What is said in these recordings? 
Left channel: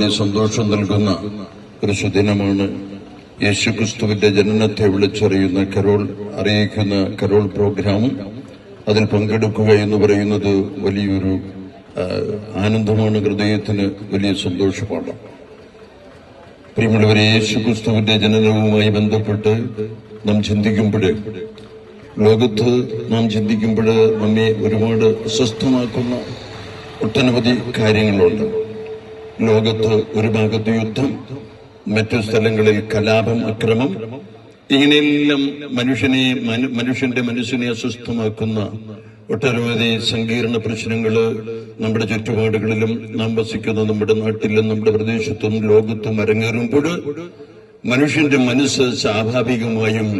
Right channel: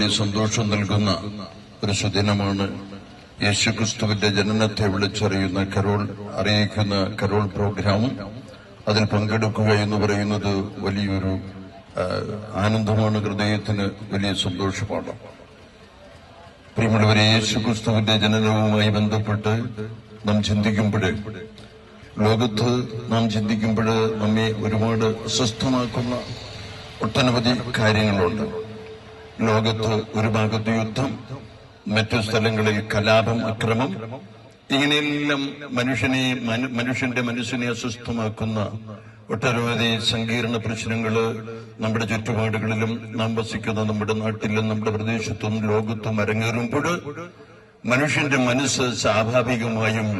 വലിയ സന്തോഷം നൽകുന്ന ഒരു സുദിനമാണ്. യേശുക്രിസ്തുവിന്റെ ജനനത്തെ വിളിച്ചറിയുന്ന അറിയിക്കുന്ന കരോൾ പ്രോഗ്രാം, അതിൽ പങ്കെടുക്കുക എന്ന് പറയുന്നത് വലിയൊരു ആനന്ദമാണ്, ഹൃദയത്തിന് വലിയ സന്തോഷമാണ്. പ്രിയമുള്ളവരെ, യേശുക്രിസ്തുവിന്റെ ജനനവുമായി ബന്ധപ്പെട്ട് നാം ചിന്തിക്കുമ്പോൾ, ലോകത്ത് നാം ചിന്തിക്കുമ്പോൾ നമ്മെ ഒരുപാട് അസ്വസ്ഥമാക്കുന്ന ഒട്ടനവധി കാര്യങ്ങളുണ്ട്. ലോകത്ത് ഒരു ഭാഗത്ത് യുദ്ധം, മറ്റു സ്ഥലങ്ങളിൽ കലാപം, അക്രമം, ഇങ്ങനെയെല്ലാം മനുഷ്യന്റെ മനസ്സിനെ അസ്വസ്ഥമാക്കുന്ന ഒട്ടനവധി സങ്കീർണ പ്രശ്നങ്ങൾ നമ്മുടെ ചുറ്റുപാടുകളിലും നാം വസിക്കുന്ന നമ്മുടെ നാട്ടിലും നമ്മുടെ പ്രദേശത്തും ലോകത്തും അരങ്ങേറുമ്പോൾ മനുഷ്യന്റെ മനസ്സ് സ്വാഭാവികമായും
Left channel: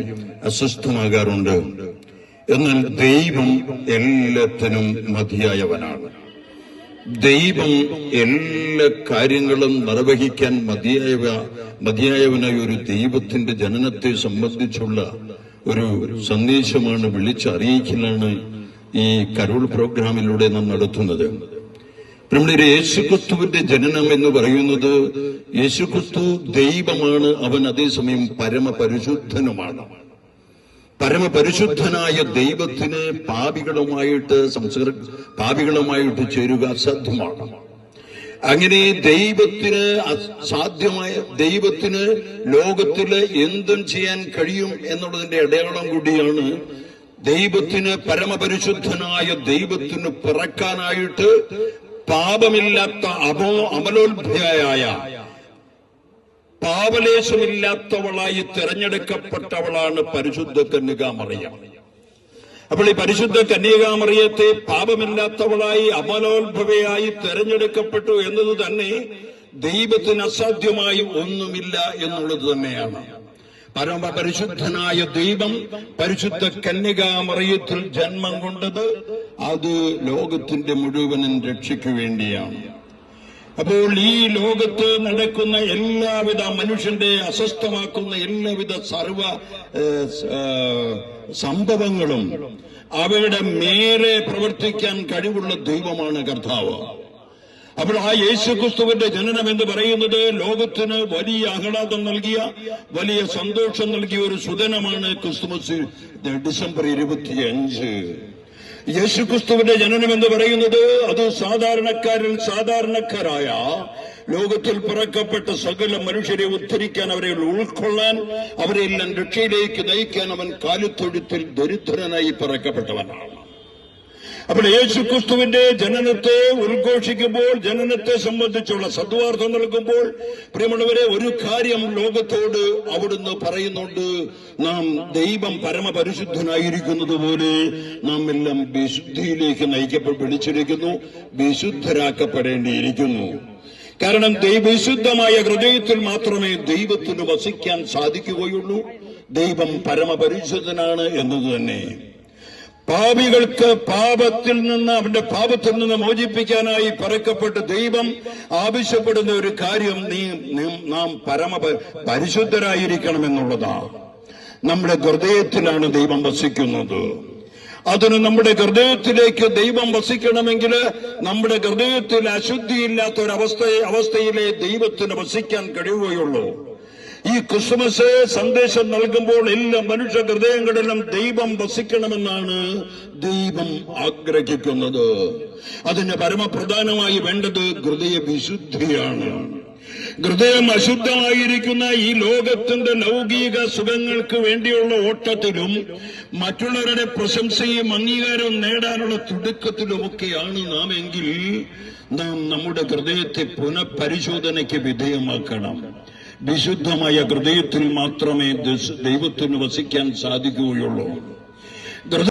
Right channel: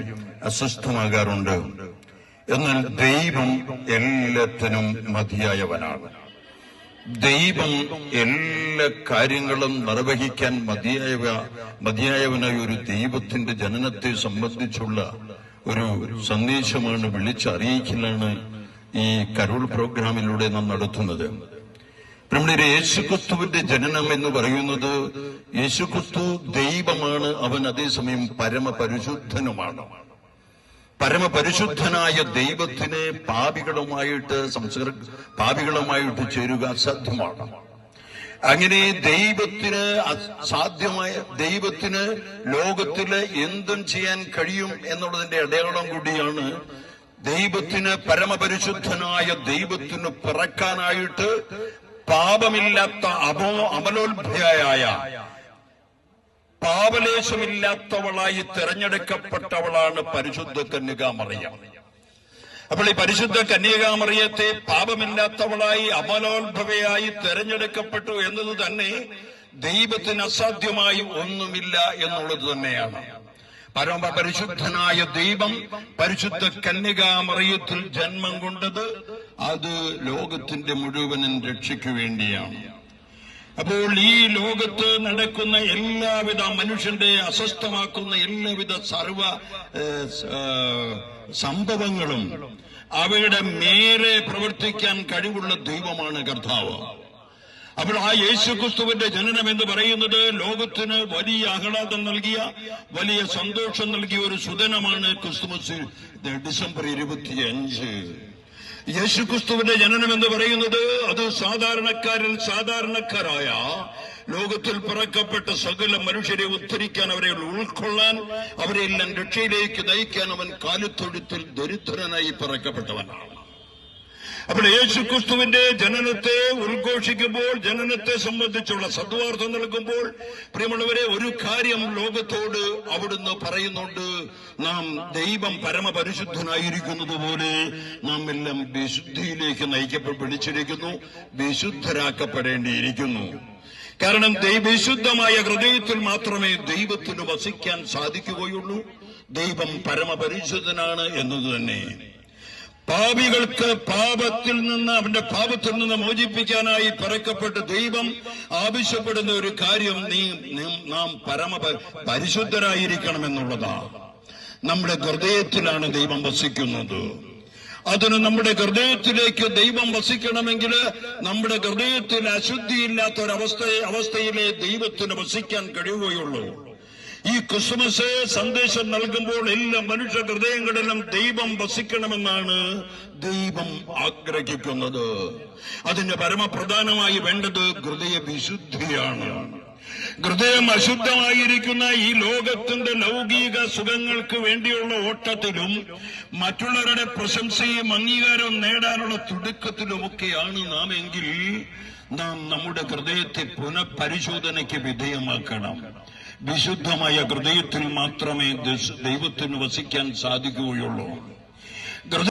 അസ്വസ്ഥമാകാറുണ്ട്. എന്നാൽ ദൈവം എല്ലാത്തിനും മതിയായവനാണ്. ദൈവം എല്ലാ കാര്യങ്ങളും നിർവഹിക്കാൻ മതിയായവനായ ഒരു ദൈവത്തിന്റെ ജനനത്തെ സംബന്ധിച്ചുള്ള ഒരു സന്ദേശമാണ്, വിളിച്ചറിയിക്കലാണ് ഈ കരോൾ പ്രോഗ്രാമിലൂടെ നാം നടത്തുന്നത്. നമ്മുടെ യേശുക്രിസ്തുവിന്റെ ജനനം എന്ന് പറയുന്നത്, യേശുക്രിസ്തു ദൈവമാണ്, അവൻ അതേസമയം പരമപരിശുദ്ധനുമാണ്. പരമപരിശുദ്ധനായ ദൈവത്തിന് പാപികളുമായിട്ട് ചേരുക അസാധ്യമാണ്. അങ്ങനെ ദൈവത്തിന് അസാധ്യമായ ദൈവത്തിന് ലോകത്തില് എന്തും ചെയ്യാൻ കഴിയും എന്നുള്ളതിന്റെ അടയാളം കൂടിയാണ്. ദൈവത്തിന്, പരമപരിശുദ്ധനായ ദൈവത്തിന് പിറക്കാനായിട്ട് പാപമില്ലാത്ത അമലോത്ഭയായ പാപലേശമില്ലാത്തവളായി തെരഞ്ഞെടുക്കപ്പെട്ടവളാണ് പരിശുദ്ധ കന്യകാമറിയം. അപ്പോൾ ഈ പരിശുദ്ധ കന്യകാമറിയത്തെ പാപമില്ലാത്തവളായി അമലോത്ഭവയായി തെരഞ്ഞെടുക്കപ്പെട്ടു എന്നത് തന്നെ ദൈവത്തിന് അസാധ്യമായി ഒന്നുമില്ല എന്നുള്ളത് തന്നെയാണ്. പരമപരിശുദ്ധനായ ദൈവം പരിശുദ്ധ കന്യകാമറിയത്തിൽ ജന്മം കൊണ്ടത് അത് ലോകത്തിന്റെ മുഴുവനും രക്ഷയ്ക്ക് വേണ്ടിയാണ്. അപ്പോൾ ഈ ലോകത്ത് നടക്കുന്ന എല്ലാവിധ മനുഷ്യന്റെ അസ്വസ്ഥമാക്കുന്ന എല്ലാവിധ സംഭവങ്ങളും അവയുടെ മേലെ പ്രവർത്തിക്കാൻ കഴിവുള്ള ദൈവമാണ് കർത്താവ്. അപ്പോൾ ആ യേശുക്രിസ്തുവിന്റെ ജനനം എന്ന് പറയുന്നത് ലോകത്തിന് വലിയ ആഹ്ലാദം നൽകിയ, വലിയ സന്തോഷം നൽകിയ ഒരു സുദിനമാണ് ക്രിസ്തുമസ്, ഡിസംബർ 25. യേശുക്രിസ്തുവിന്റെ ജനനം എന്ന് പറയുന്നത് അത് സാധാരണക്കാരിൽ സാധാരണക്കാരായ ലോകത്തിൽ പിറക്കപ്പെട്ട സകല മനുഷ്യരെ ഉദ്ധരിക്കാൻ, അവരെ ഉൾക്കൊള്ളാൻ, അവരെല്ലാം രക്ഷയിലേക്ക് നയിക്കാൻ അവൻ കാലിത്തൊഴുത്തിൽ ദരിദ്രനായി പിറക്കപ്പെട്ടവനാണ്. അപ്പോൾ യേശുക്രിസ്തുവിന്റെ ജനനത്തെ ഉദ്ഘോഷിക്കുമ്പോൾ, ജനനത്തെ സംബന്ധിച്ചുള്ള സദ്വാർത്ത നൽകുമ്പോൾ, പ്രിയമുള്ളവരെ, ഒരു കാര്യം ലോകത്തോട് അവിടുന്ന് പറയുന്നുണ്ട്. നാം ദൈവം പരമപരിശുദ്ധനായിരിക്കുന്നത് പോലെ നാം എല്ലാം വിശുദ്ധിയിലേക്ക് വിളിച്ചിരിക്കുന്നു, വിശുദ്ധരാക്കപ്പെടേണ്ടിയിരിക്കുന്നു. കാരണം വിശുദ്ധമായ ഹൃദയത്തിൽ മാത്രമേ ദൈവത്തിന് വസിക്കാൻ സാധിക്കുകയുള്ളൂ. ദൈവം പരമപരിശുദ്ധനാണ് എന്നത് തന്നെ. പാപികൾക്ക് അവന്റെ പാപത്തിൽ നിന്ന് മോചിപ്പിക്കാനായി പറക്കപ്പെട്ട ദൈവം ആവശ്യപ്പെടുന്ന ഒരു കാര്യം, നാം പരിശുദ്ധരായിരിക്കണമെന്നുള്ളതാണ്. നമ്മുടെ ഹൃദയത്തിലാണ് ദൈവം വസിക്കുന്നത്. അതിന് നമ്മുടെ ഹൃദയത്തിലേക്ക് ദൈവം വസിക്കണമെങ്കിൽ നമ്മുടെ ഹൃദയത്തിൽ അശുദ്ധിയില്ലാത്ത അവസ്ഥയിലെ ദൈവത്തിന് വസിക്കാൻ കഴിയുകയുള്ളൂ. ഈ ക്രിസ്മസ് സന്ദേശം നൽകുമ്പോൾ എല്ലാ മനുഷ്യ ഹൃദയങ്ങളിലും ദൈവം വസിക്കണമെന്നാണ് ദൈവം ആഗ്രഹിക്കുന്നത്. അതിന് പരമപ്രധാനമായി വേണ്ടത് ഹൃദയ വിശുദ്ധിയാണ്. ഹൃദയം അശുദ്ധമായിരിക്കുന്ന ഈ ലോകത്തിന്റെ ലൗകിക സുഖങ്ങൾക്ക് വേണ്ടിയുള്ള ഓട്ടത്തിലും മറ്റുള്ളവരുടെ പ്രശംസയും അംഗീകാരവും നേടാനുള്ള തുടുക്കത്തിലുമൊക്കെയാണ് നാം എങ്കിൽ, നാം നമ്മുടെ ഹൃദയത്തെ പുനഃപരിശോധനയ്ക്ക് വിധേയമാക്കണം. വിശുദ്ധമായ ഹൃദയത്തിൽ മാത്രമേ ദൈവത്തിന് വസിക്കാൻ സാധിക്കുകയുള്ളൂ.